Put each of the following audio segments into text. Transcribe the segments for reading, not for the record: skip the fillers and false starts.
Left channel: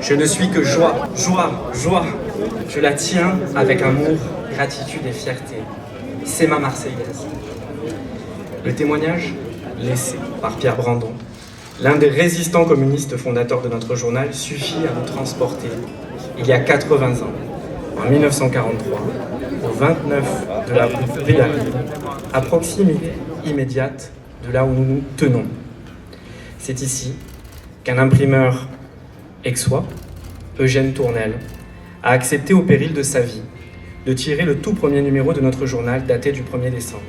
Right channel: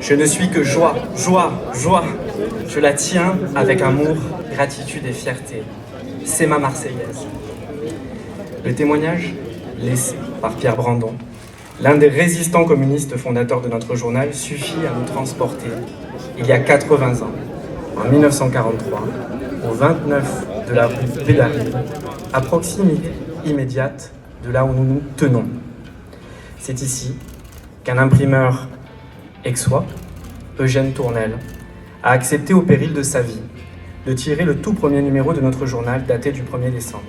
Je ne suis que joie, joie, joie. Je la tiens avec amour, gratitude et fierté. C'est ma Marseillaise. Le témoignage laissé par Pierre Brandon, l'un des résistants communistes fondateurs de notre journal, suffit à nous transporter il y a 80 ans, en 1943, au 29 de la rue Villari, à proximité immédiate de là où nous nous tenons. C'est ici qu'un imprimeur aixois, Eugène Tournel, a accepté au péril de sa vie de tirer le tout premier numéro de notre journal daté du 1er décembre.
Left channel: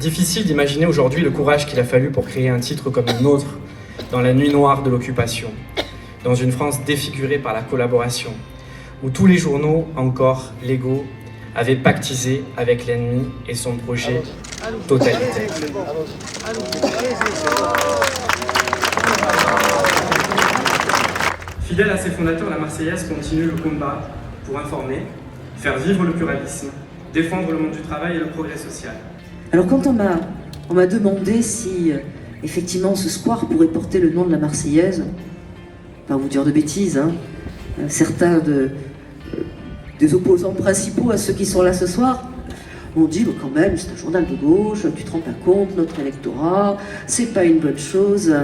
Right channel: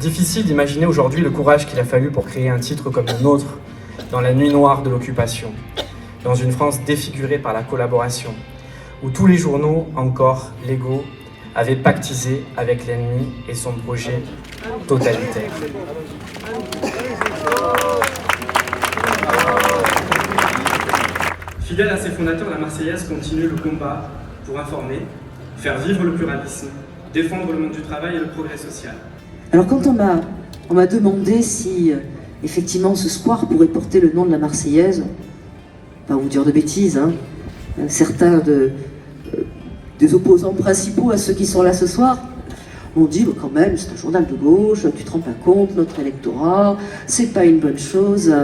Difficile d'imaginer aujourd'hui le courage qu'il a fallu pour créer un titre comme le nôtre dans la nuit noire de l'occupation, dans une France défigurée par la collaboration, où tous les journaux, encore légaux, avaient pactisé avec l'ennemi et son projet totalitaire. Fidèle à ses fondateurs, la Marseillaise continue le combat pour informer, faire vivre le pluralisme, défendre le monde du travail et le progrès social. Alors quand on m'a demandé si effectivement ce square pourrait porter le nom de la Marseillaise, pas vous dire de bêtises, hein, certains des opposants principaux à ceux qui sont là ce soir m'ont dit quand même c'est un journal de gauche, tu te rends pas compte, notre électorat, c'est pas une bonne chose.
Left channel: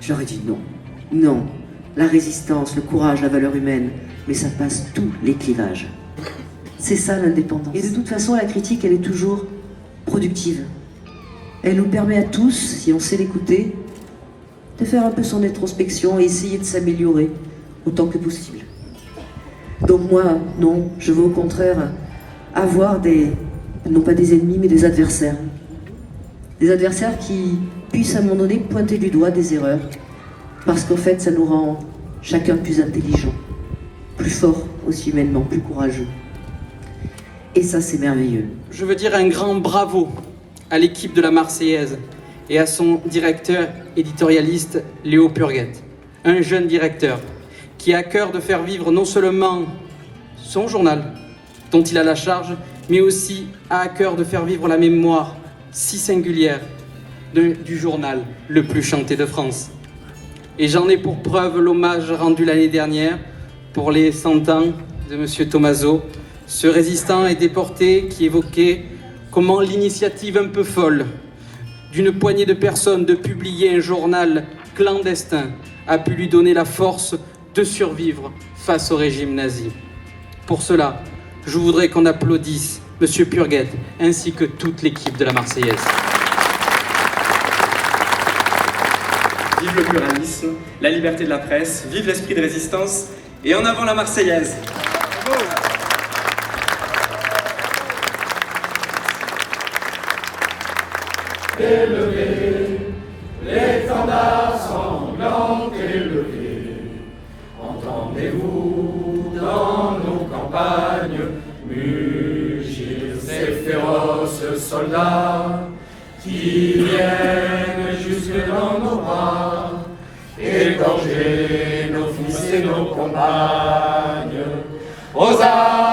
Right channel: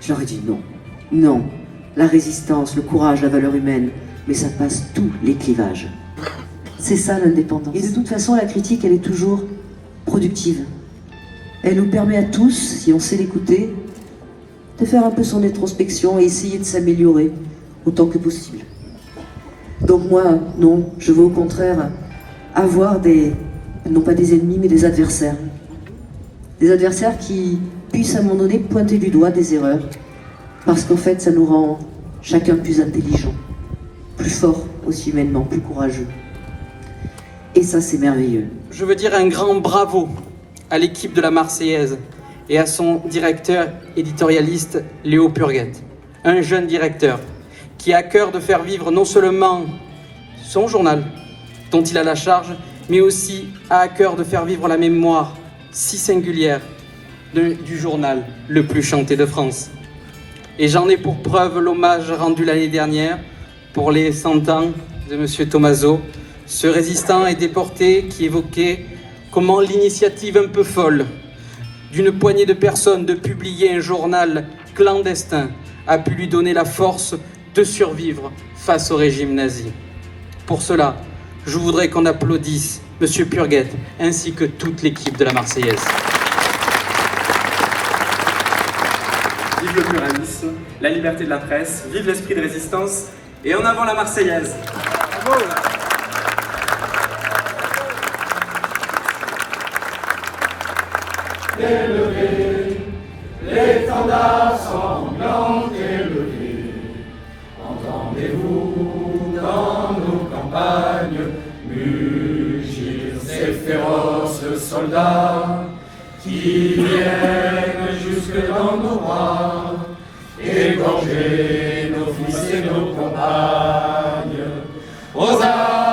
Je leur ai dit non, non, la résistance, le courage, la valeur humaine, mais ça passe tous les clivages. C'est ça l'indépendance. Et de toute façon la critique elle est toujours productive. Elle nous permet à tous, si on sait l'écouter, de faire un peu son introspection et essayer de s'améliorer autant que possible. Donc moi, non, je veux au contraire avoir non pas des ennemis, mais des adversaires. Des adversaires qui puissent à un moment donné pointer du doigt des erreurs, parce qu'en fait ça nous rend chacun plus intelligent, plus fort aussi humainement, plus courageux. Et ça c'est merveilleux. Je veux dire un grand bravo à l'équipe de la Marseillaise et à son directeur éditorialiste Léo Purguette, un jeune directeur qui a à cœur de faire vivre non seulement son journal dont il a la charge, mais aussi a à cœur de faire vivre la mémoire si singulière du journal le plus chanté de France. Et j'en ai pour preuve l'hommage rendu l'année dernière pour les 100 ans de M. Thomazeau, ce résistant et déporté qui évoquait comment l'initiative un peu folle d'une poignée de personnes de publier un journal clandestin a pu lui donner la force de survivre face au régime nazi. Pour cela, je voudrais qu'on applaudisse M. Purguette ainsi que toute l'équipe de la Marseillaise. Vive le pluralisme, la liberté de la presse, vive l'esprit de résistance et en avant la Marseillaise. Bravo. Élevez, l'étendard sanglant élevé, entendez-vous dans nos campagnes mugir ces féroces soldats qui viennent jusque dans nos bras, égorger nos fils et nos compagnes. Aux armes